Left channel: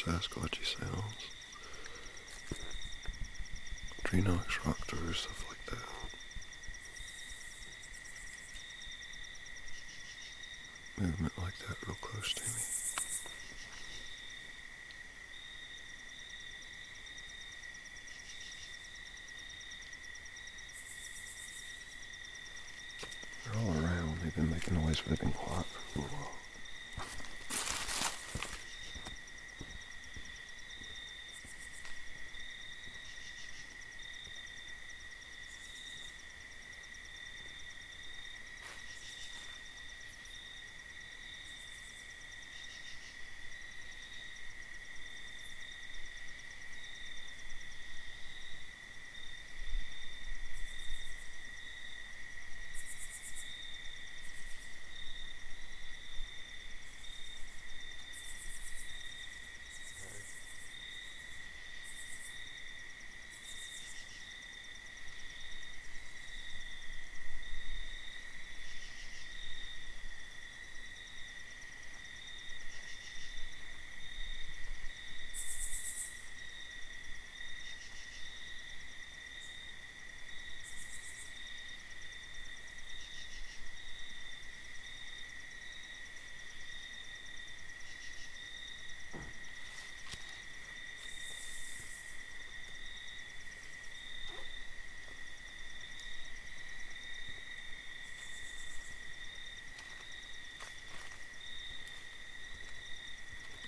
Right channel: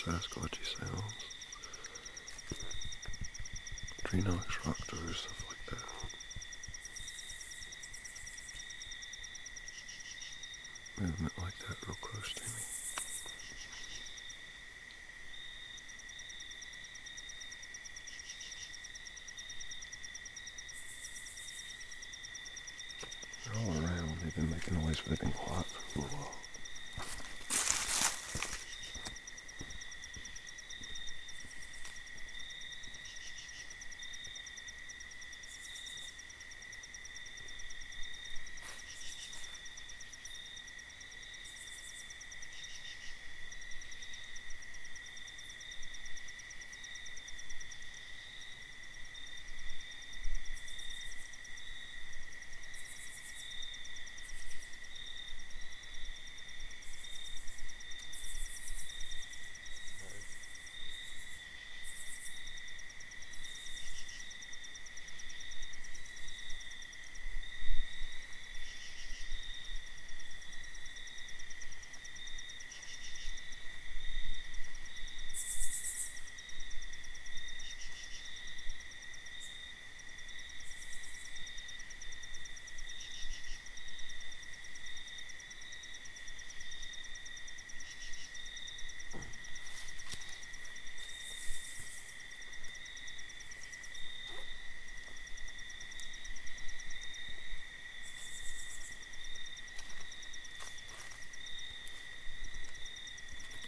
Sasquatchy sounds. Tree knocks, rock throws, stuff like that. Movement like that real close to me. They're all around. They've been making noise, but they've been quiet for a little while.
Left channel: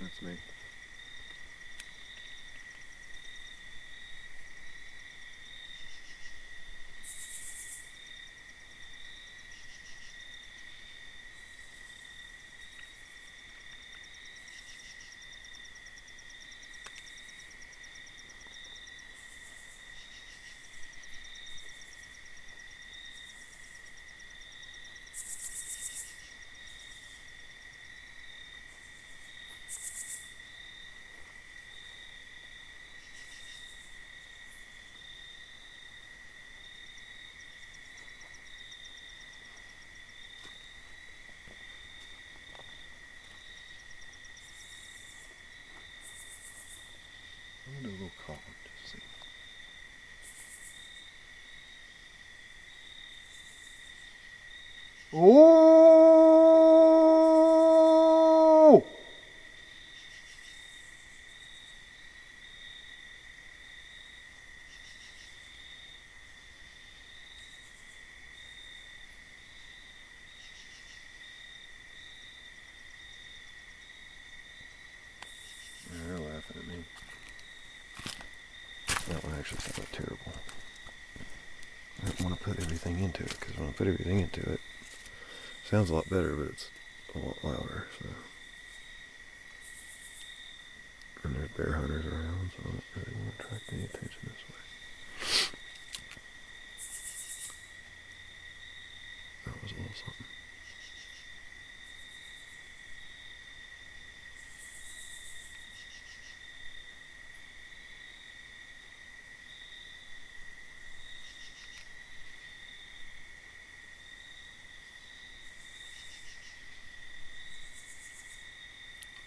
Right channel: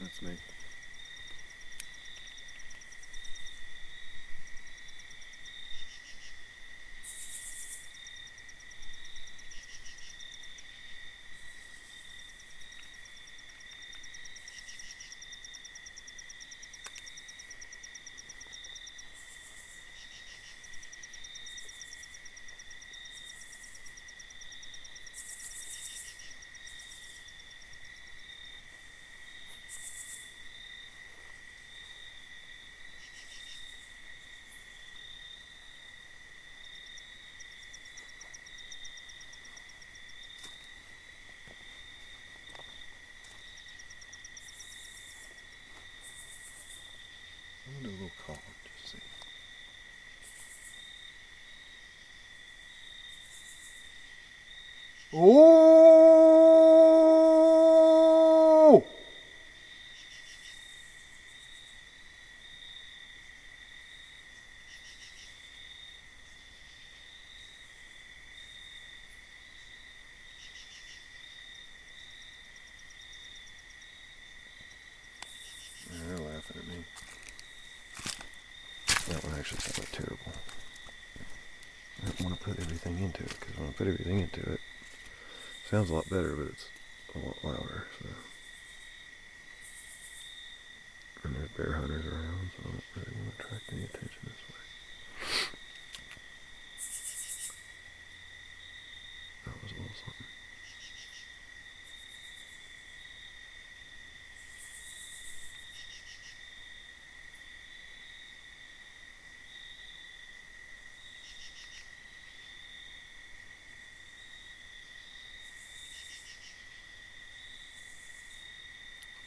That's me. I'm gonna do a little calm. Just see. Oh! They're laughing at me. That one actually sounded terrible. I didn't want to put everything into it because when I put everything into it, it sounds a lot better, but it's a lot louder. So. And there's bear hunters around, so I don't really want to attract any attention this way. That was a little something.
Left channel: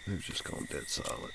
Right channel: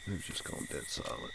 They've just gone dead silent.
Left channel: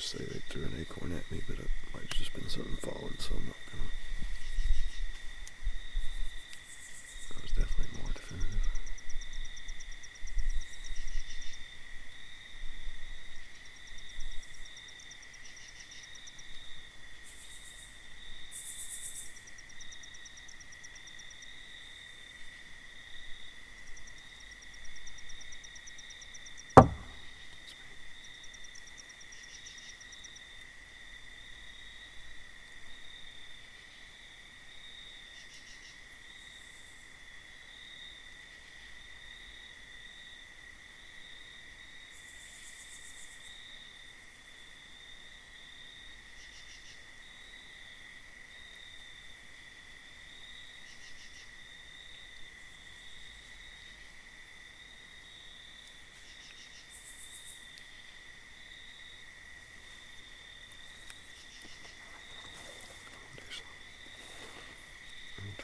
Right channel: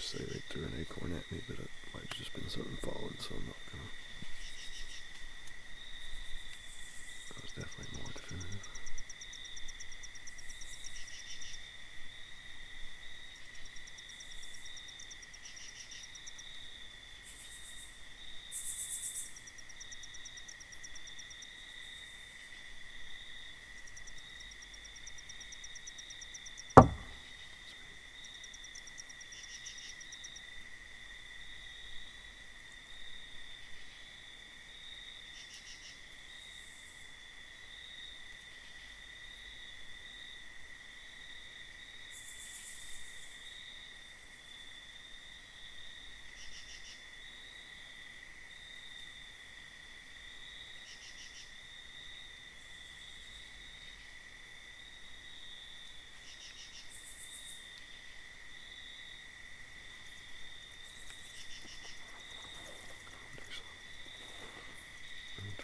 just say they threw an acorn at me, but it might have just been something falling, so I'm not gonna. That was definitely more definitive.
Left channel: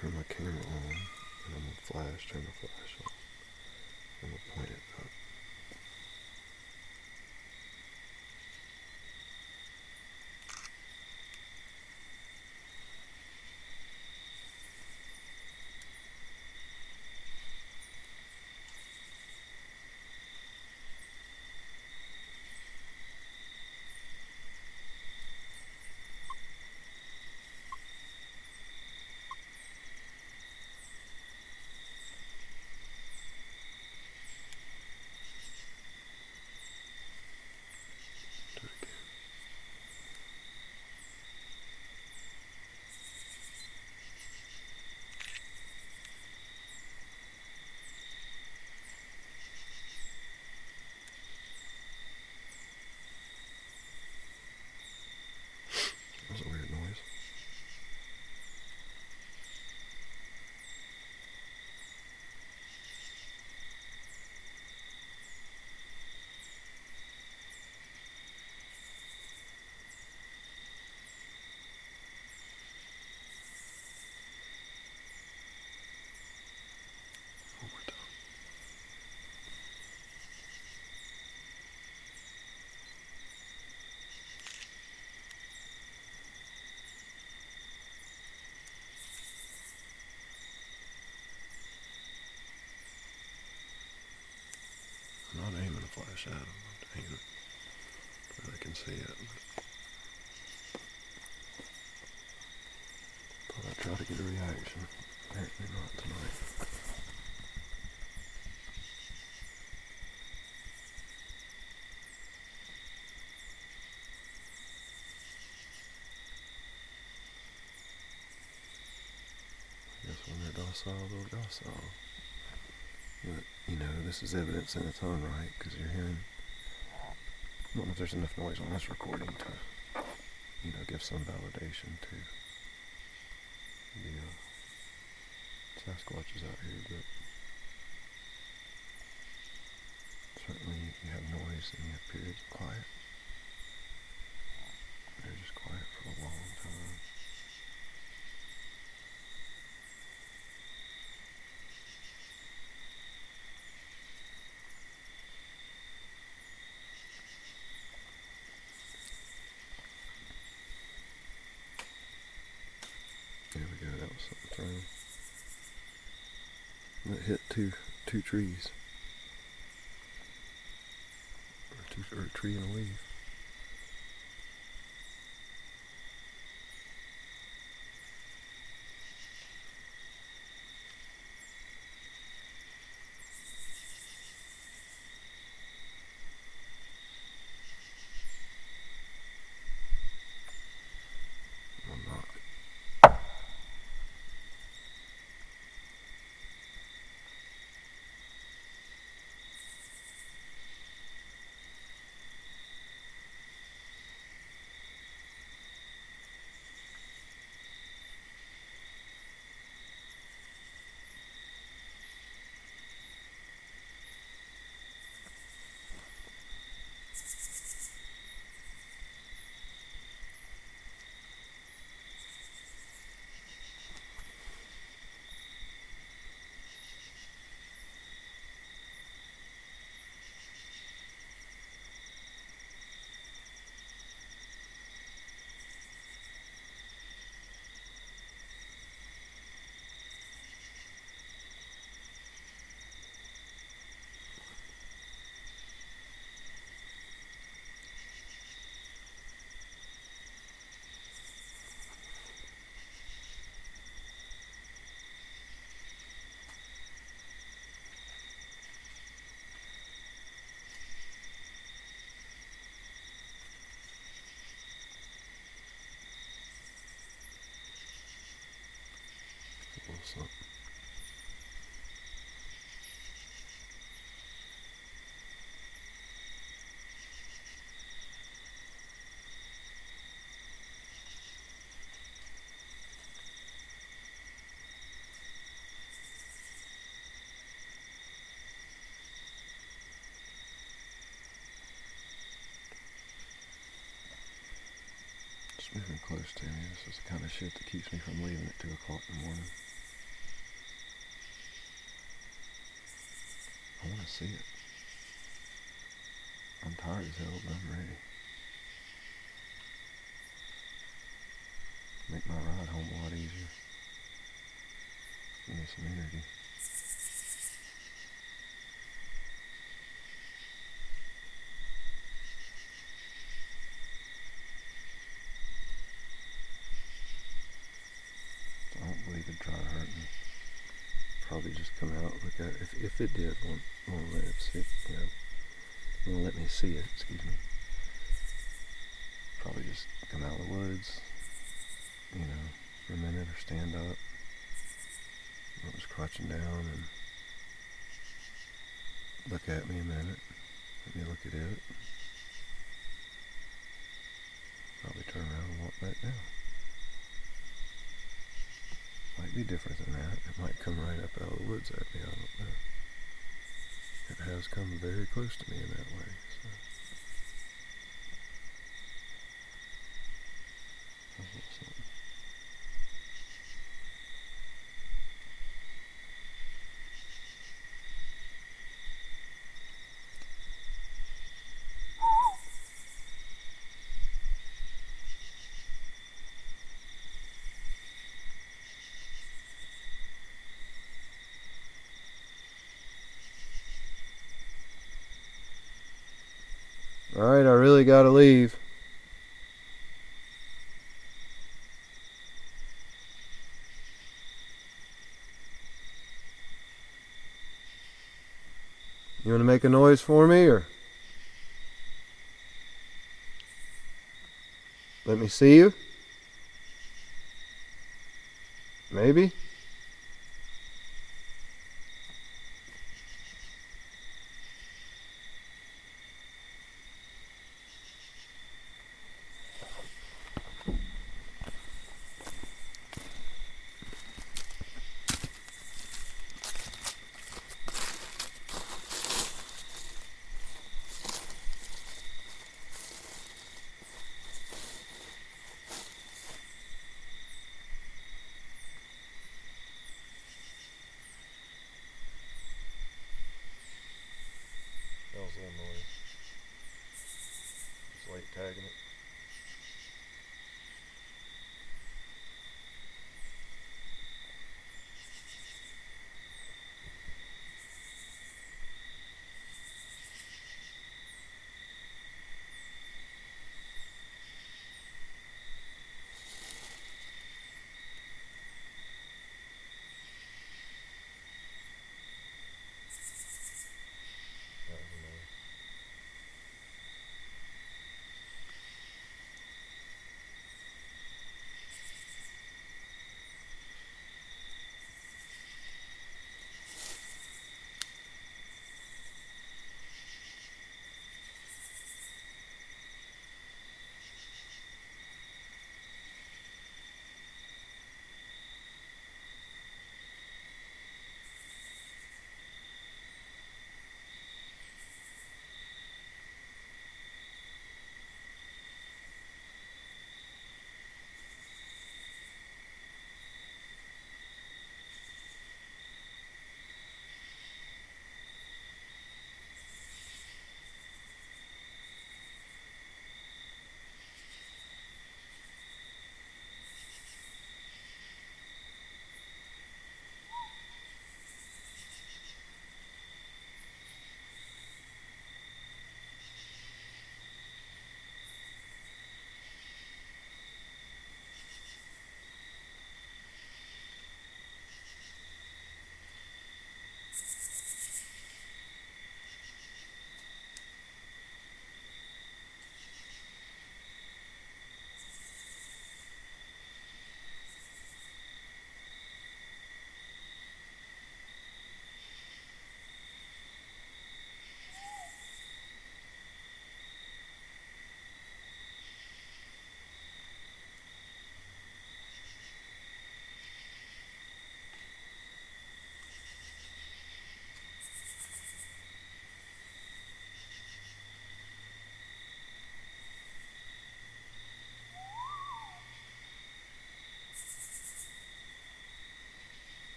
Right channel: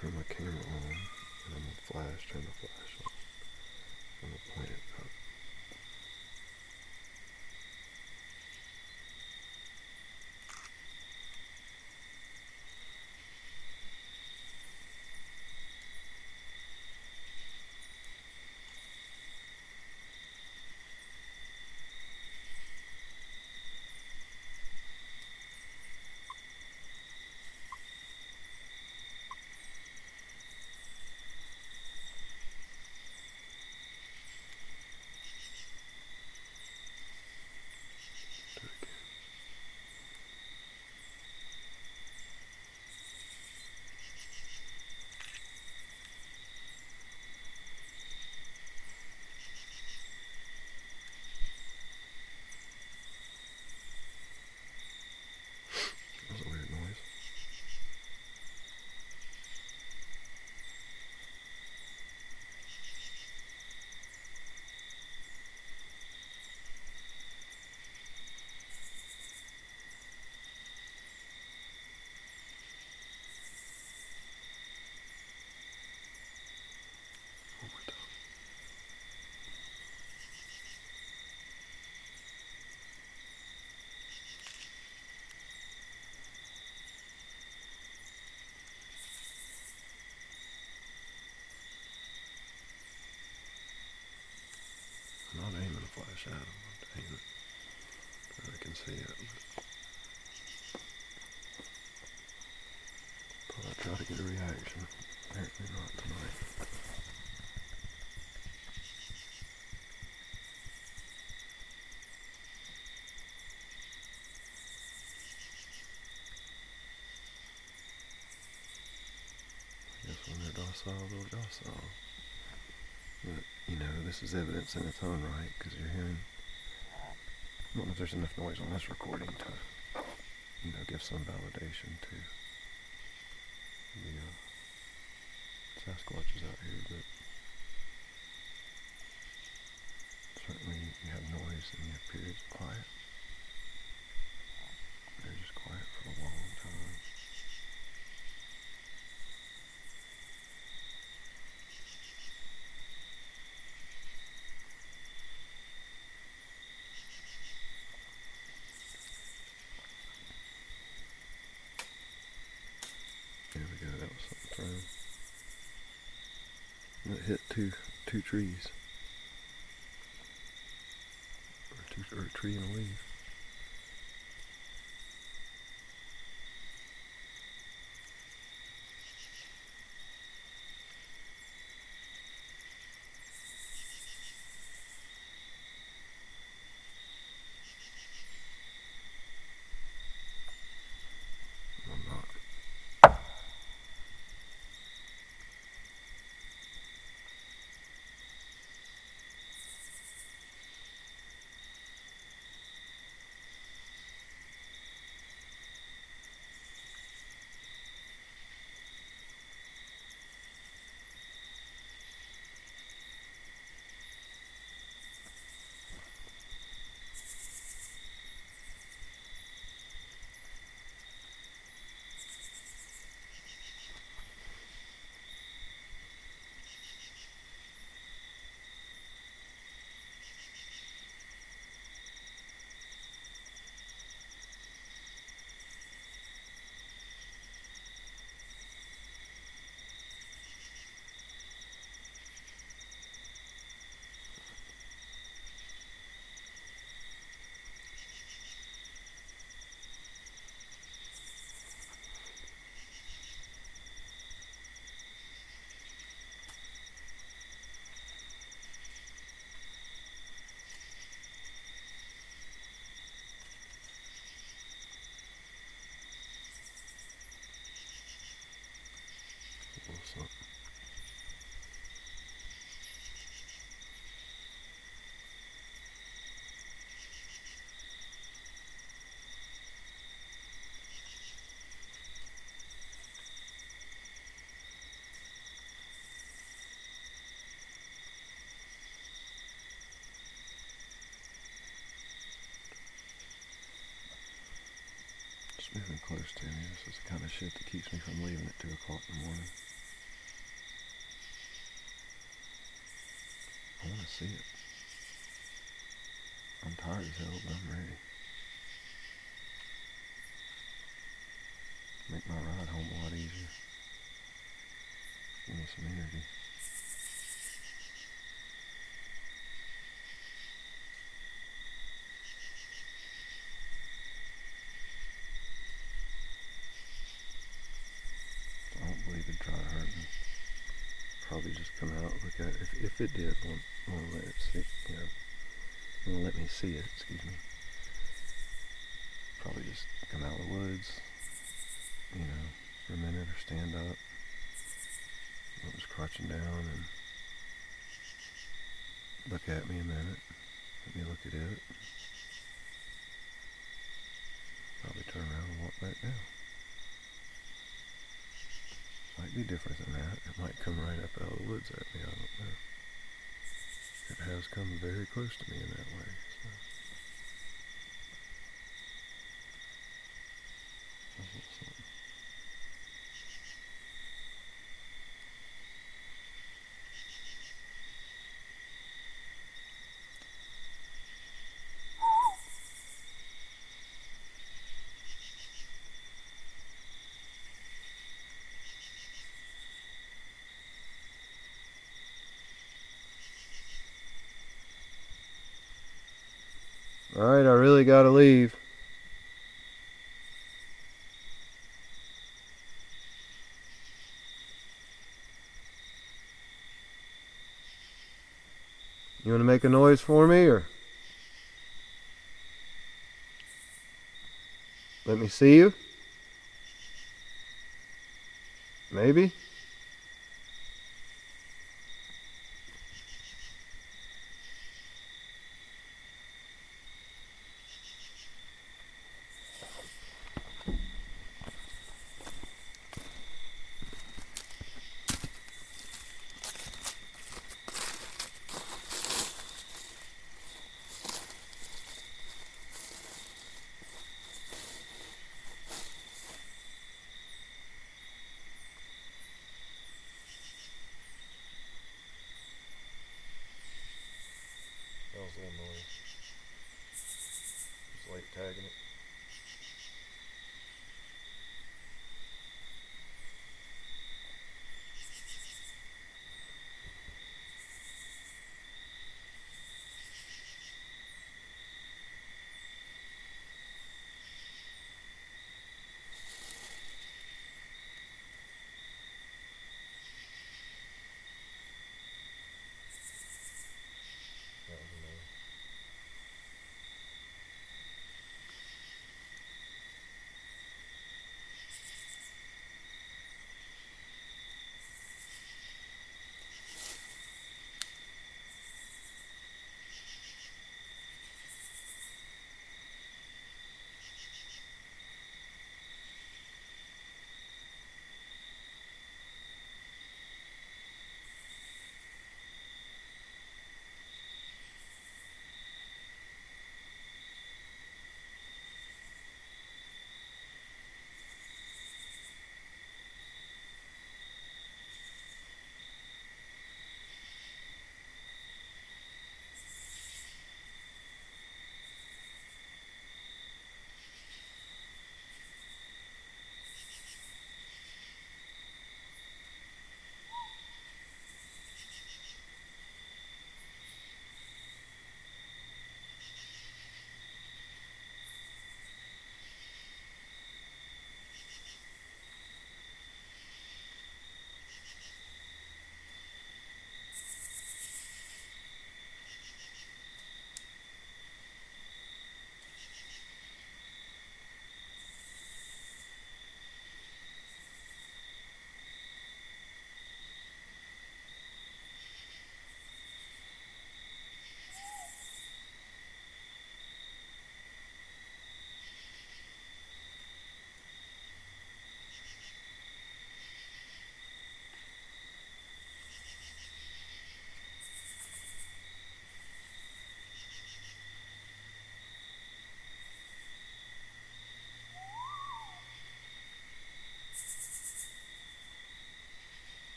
Turn my camera on, and I'm gonna turn the flash on. I'm gonna point it up. Do it again. That was a weird noise. One more time. I'm not aiming a flash at them. I'm aiming so they can see it. Thought I'd try to get a reaction. Apparently not tonight. I guess when they're docile, they're docile. But, this is evidence in its own right, because you're hearing, I don't know if there's enough noise on this recording to, give some validation to the Sasquatches out here, but certainly you have noise and you have periods of quiet. They're just quiet for a long time. There we go, that was something thrown. That hit two trees. Or a tree and a leaf. I'm not. close to me. This is the kind of shit that keeps me from leaving at 2 o'clock in the morning. I want to see it. I'm tired as hell, but I'm ready. Make my ride home a lot easier. Give me some energy. I don't believe it'd try to hurt me. Probably just come out, look at it. If it did, want to let it see, want to let me see it, excuse me. Probably just come out of the woods, for a minute, or stand up. I was crouching down and look at me a minute. Let me look at it. Probably turn around and walk back down. Might be different than that. It might come right up out of the woods at me. I don't know. It has come very close to me in that way. So. That's a little something. Alright, I really gotta leave. You wanna make a noise for me, or let me see you? Maybe?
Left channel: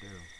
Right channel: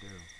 Daryl.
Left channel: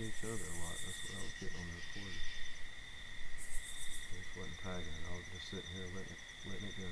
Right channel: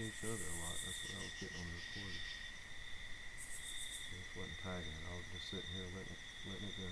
chasing each other a lot. That's what I was getting on the recorder. I just wasn't tagging it. I was just sitting here letting it go.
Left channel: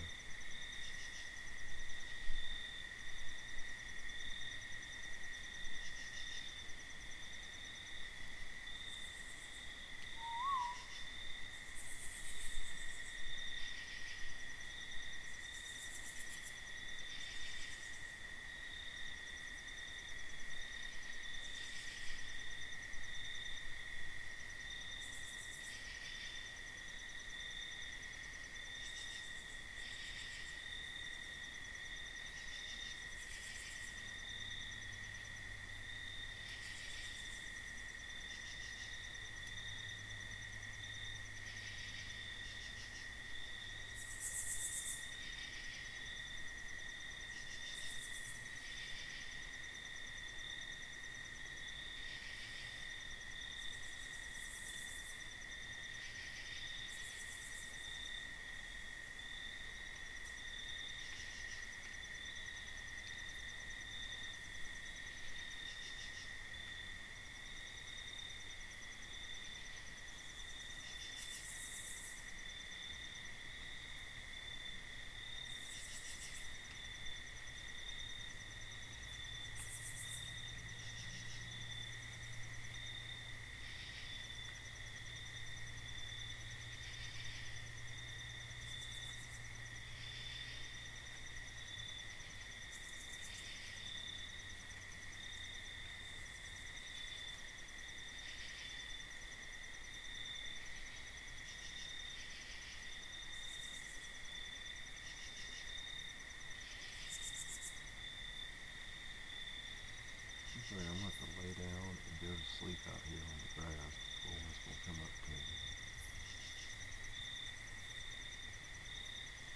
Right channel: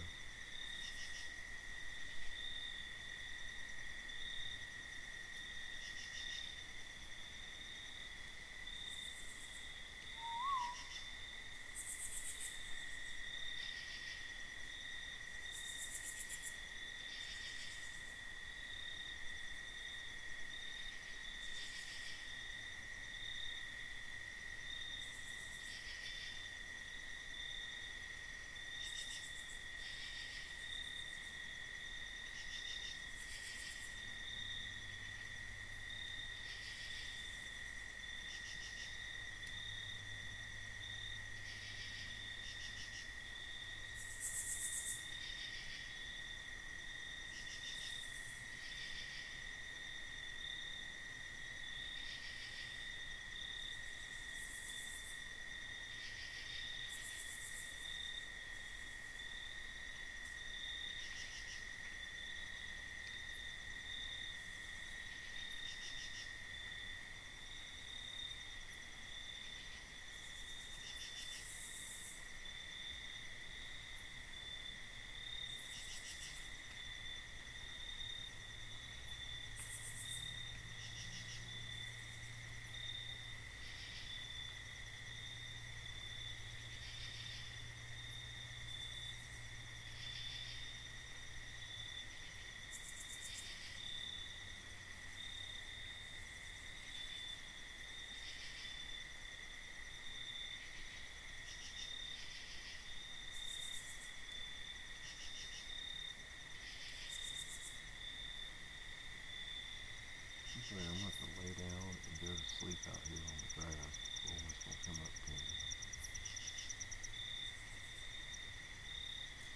I'm gonna have to lay down and go to sleep out here on the grass before one's gonna come up to me.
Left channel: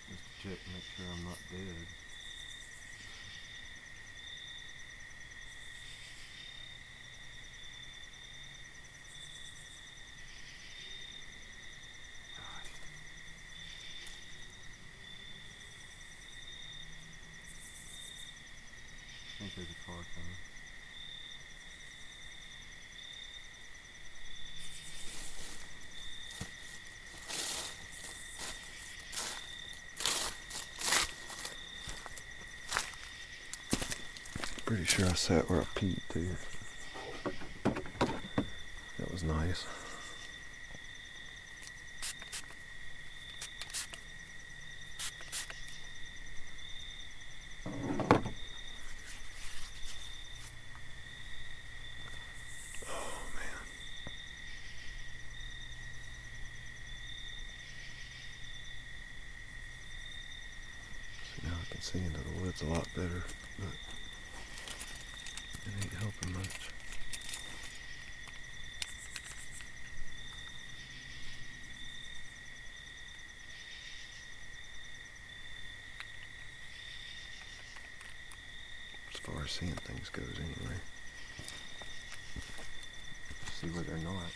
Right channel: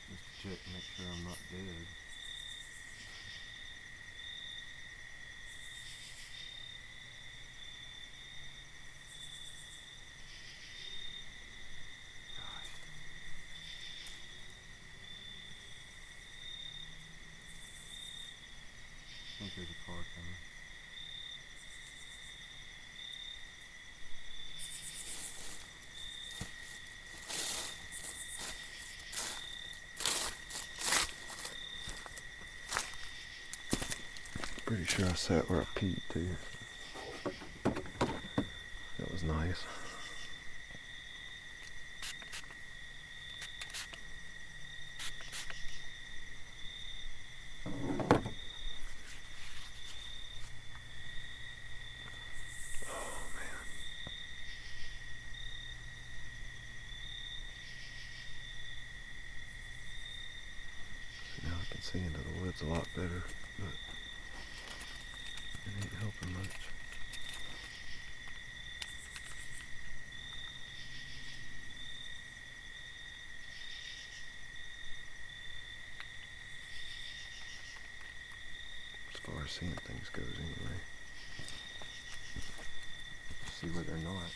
Just to check and make sure I'm not dead. Gosh. I think there's a car coming. Pretty sure I sat where I peed too. That was nice. Oh man. See, now I can see into the woods a lot better, but it ain't helping much. As far as seeing things goes anyway. See where they're not.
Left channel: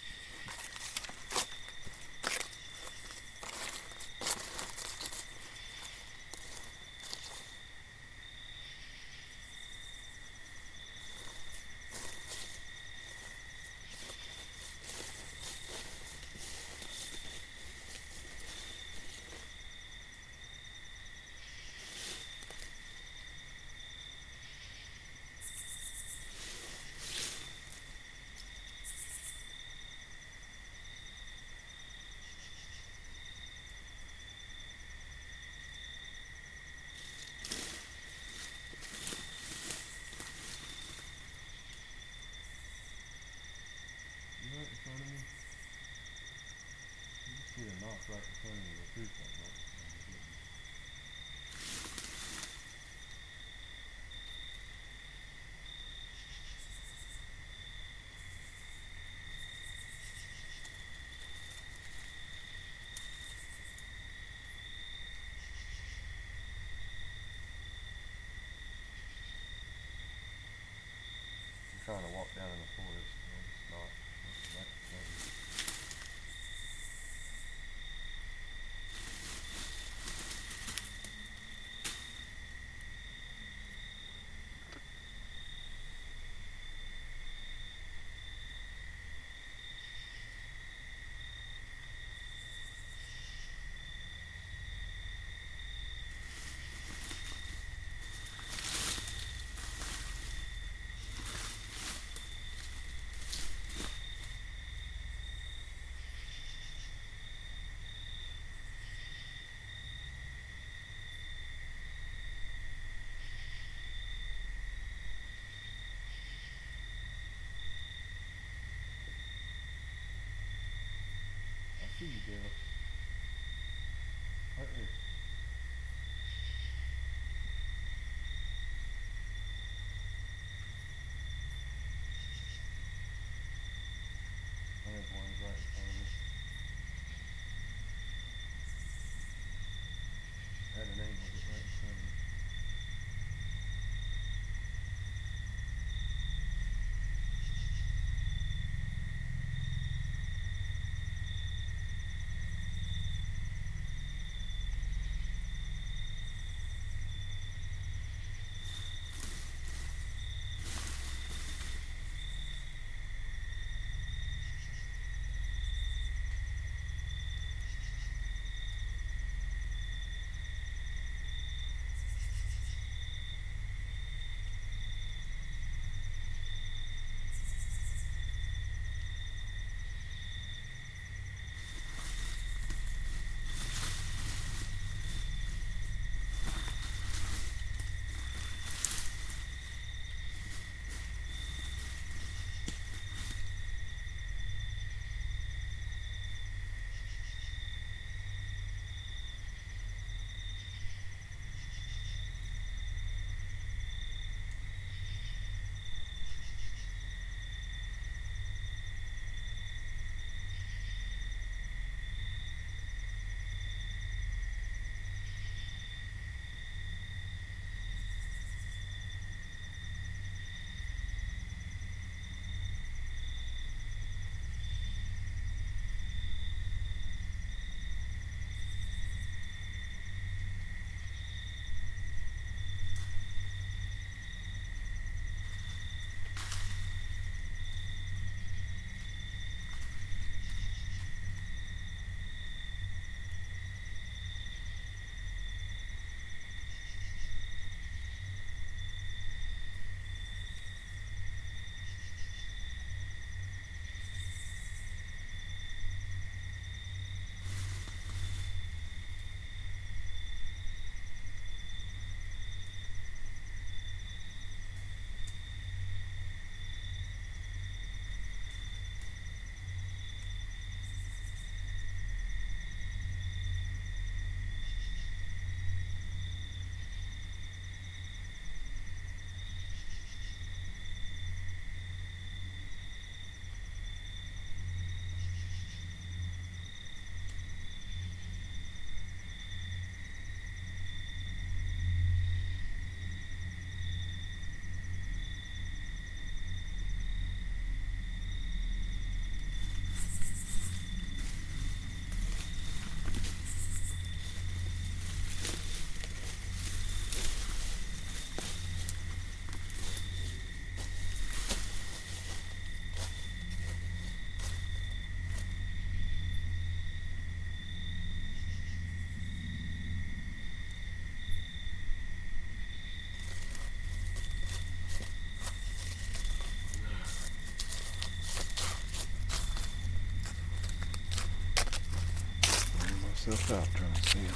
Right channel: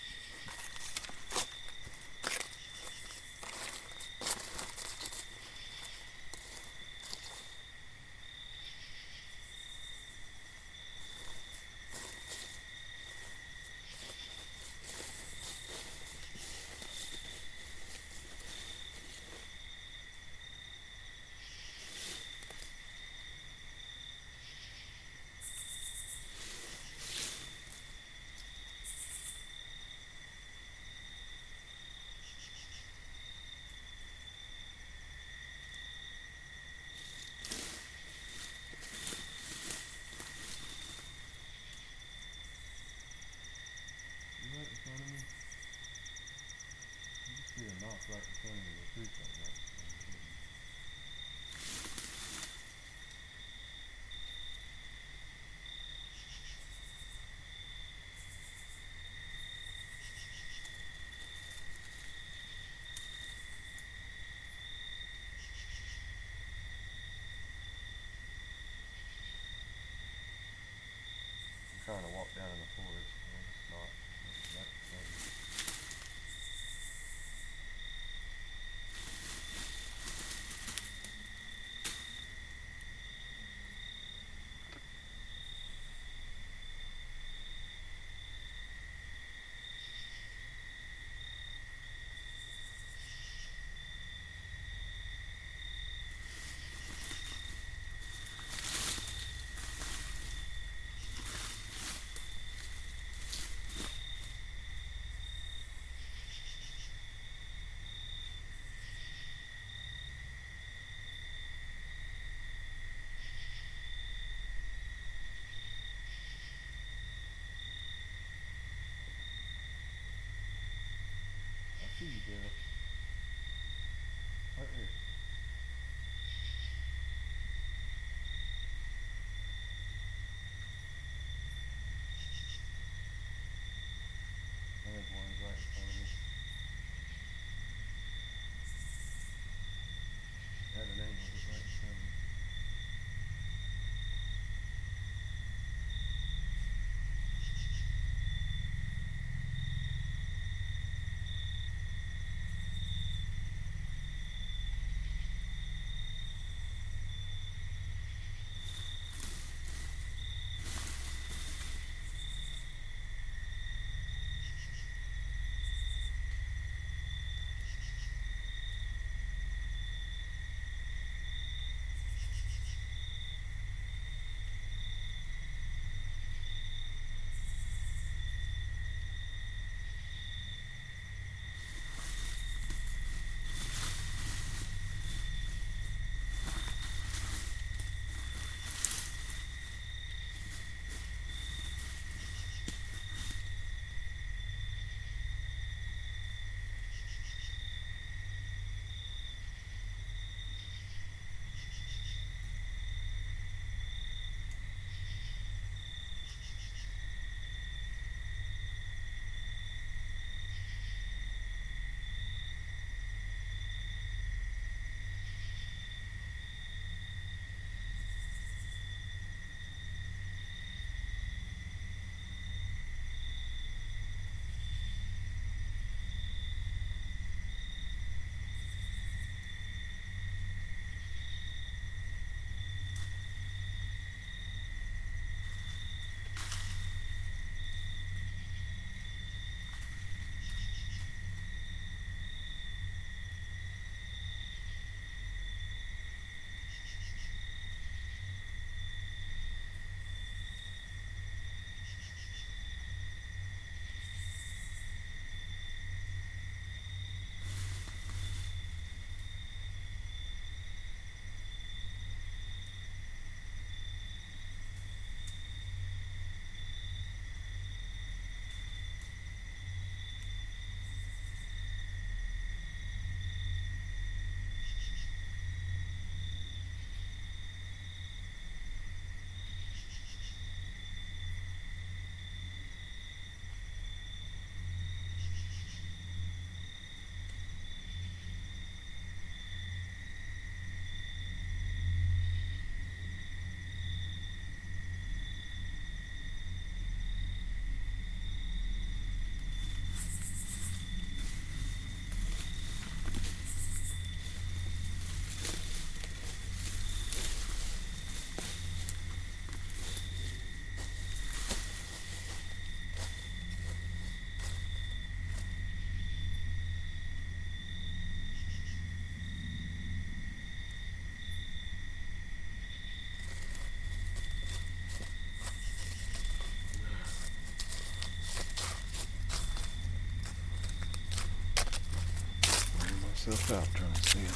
Right in front of me. You just get a knock right in front of me. The truth like that. I'm trying to walk down in the forest and it's not. That, myself out trying to see it.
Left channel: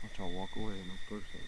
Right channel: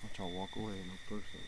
Watch, I'll walk away and I'll push it.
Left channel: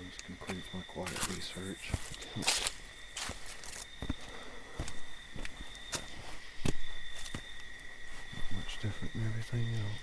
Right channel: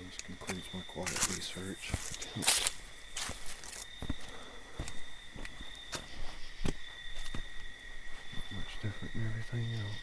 This concludes my quiet research. Not much different than everything else.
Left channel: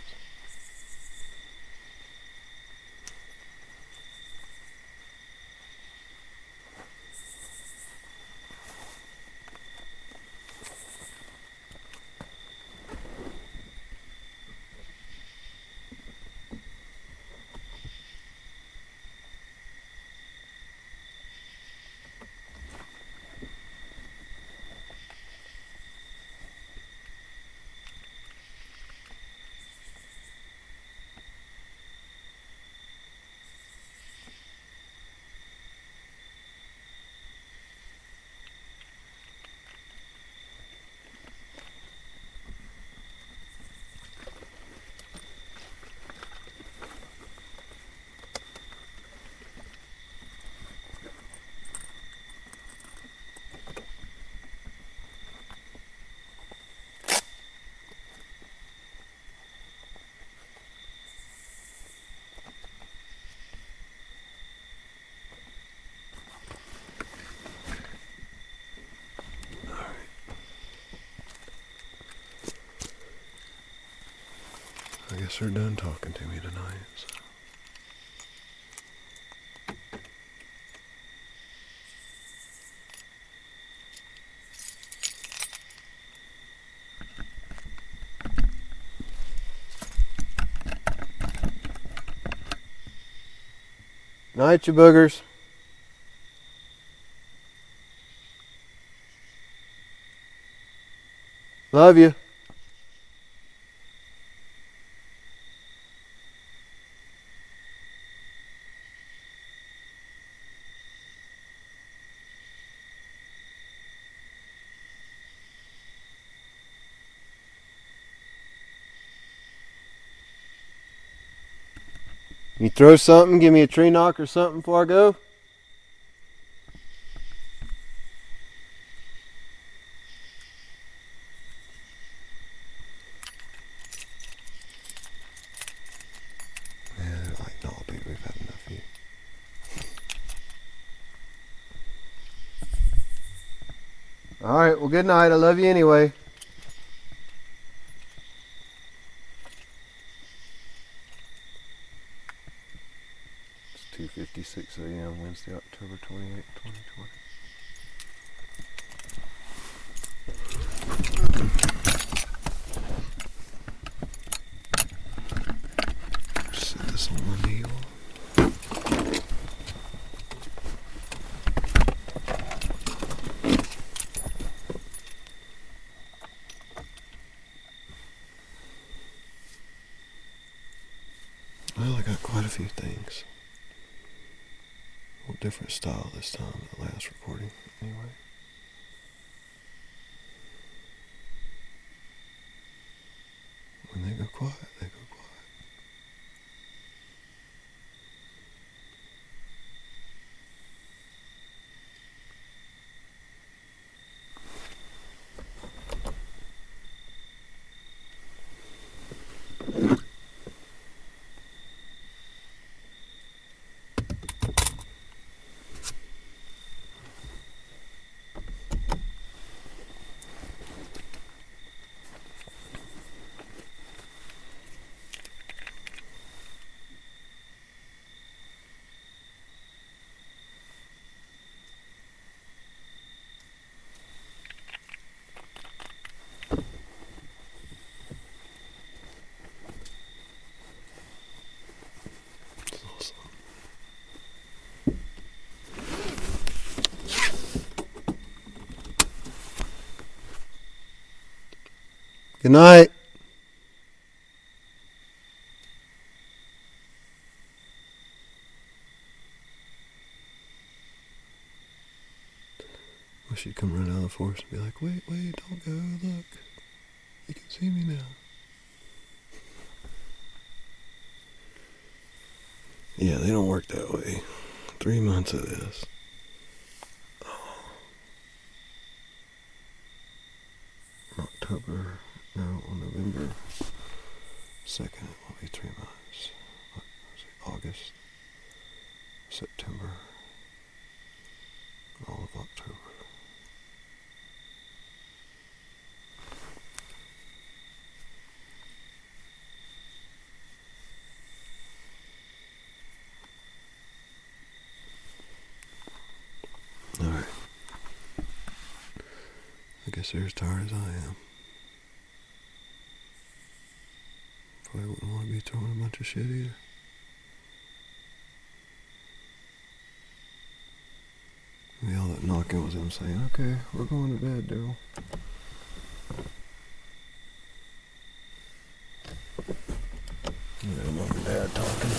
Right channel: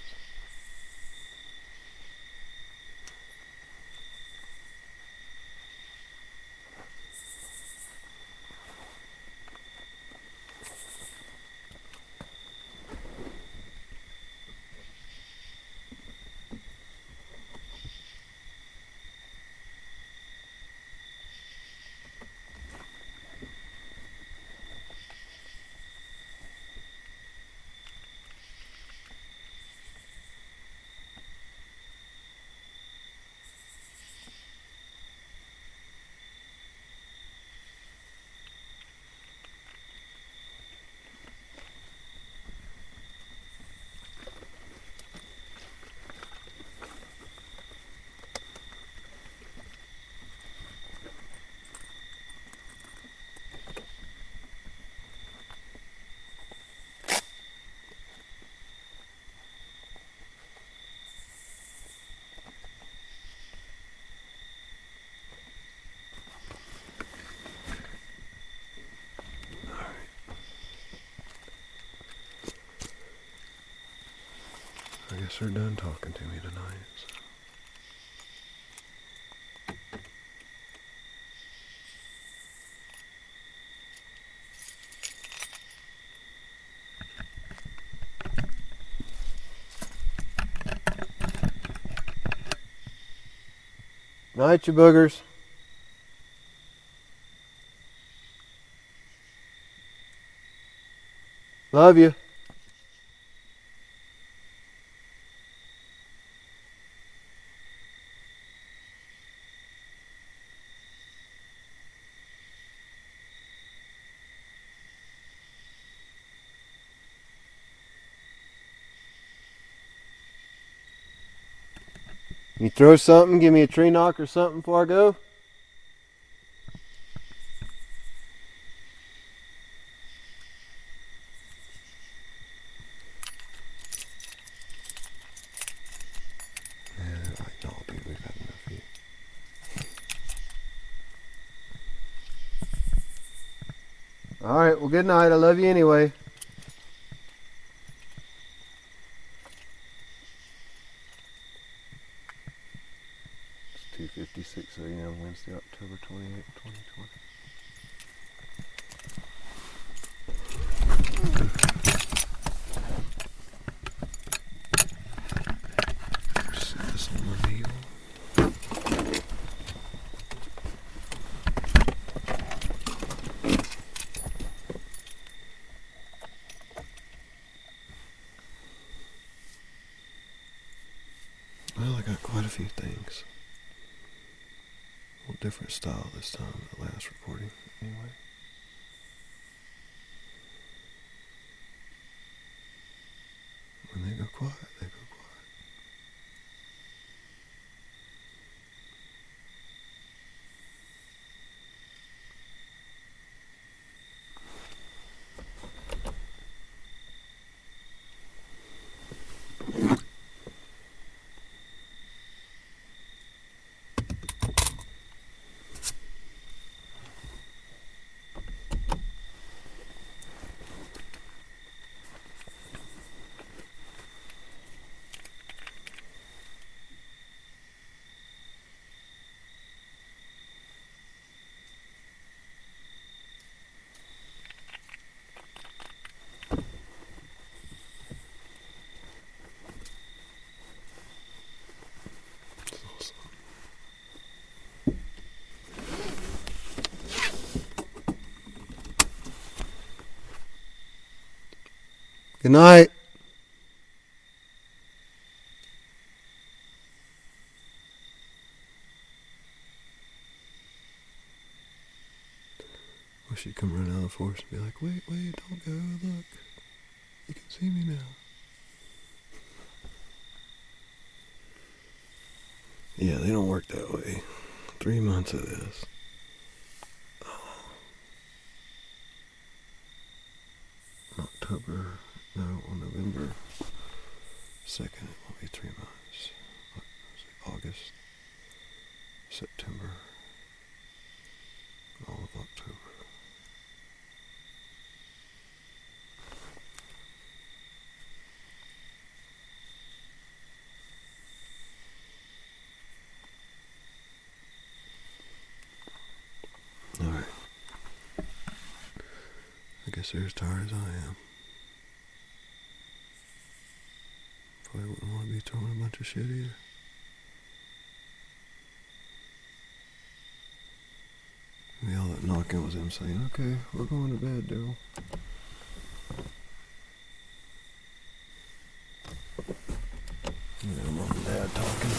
I guess they're done talking to me tonight. So. Night, you boogers. Love you. You throw something, give me a tree knock or something before I go? Yeah, like, no, dude, we've had enough of you. Alright, well, good night. I love you anyway. It's 2:56 a.m. Wednesday, October 28th, 2020. Set this on my meal. Well, I got quite a few things. A little different style this time than the last recording, anyway. When they go quiet, they go quiet. Good night. Wish she'd come run out of the forest and be like, wait, don't go, look. You can see me now. Yeah, they don't work that way. 3 months of this. October, no, on November 2nd, it will be 3 months. August, September, all of October. Alright. I guess they're as tired as I am. Probably wouldn't want to be throwing a bunch of shit either. Maybe all that knocking was him saying, okay, we're going to bed, Daryl. Yeah, mom and dad talking.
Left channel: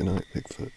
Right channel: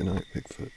Good night, Bigfoot.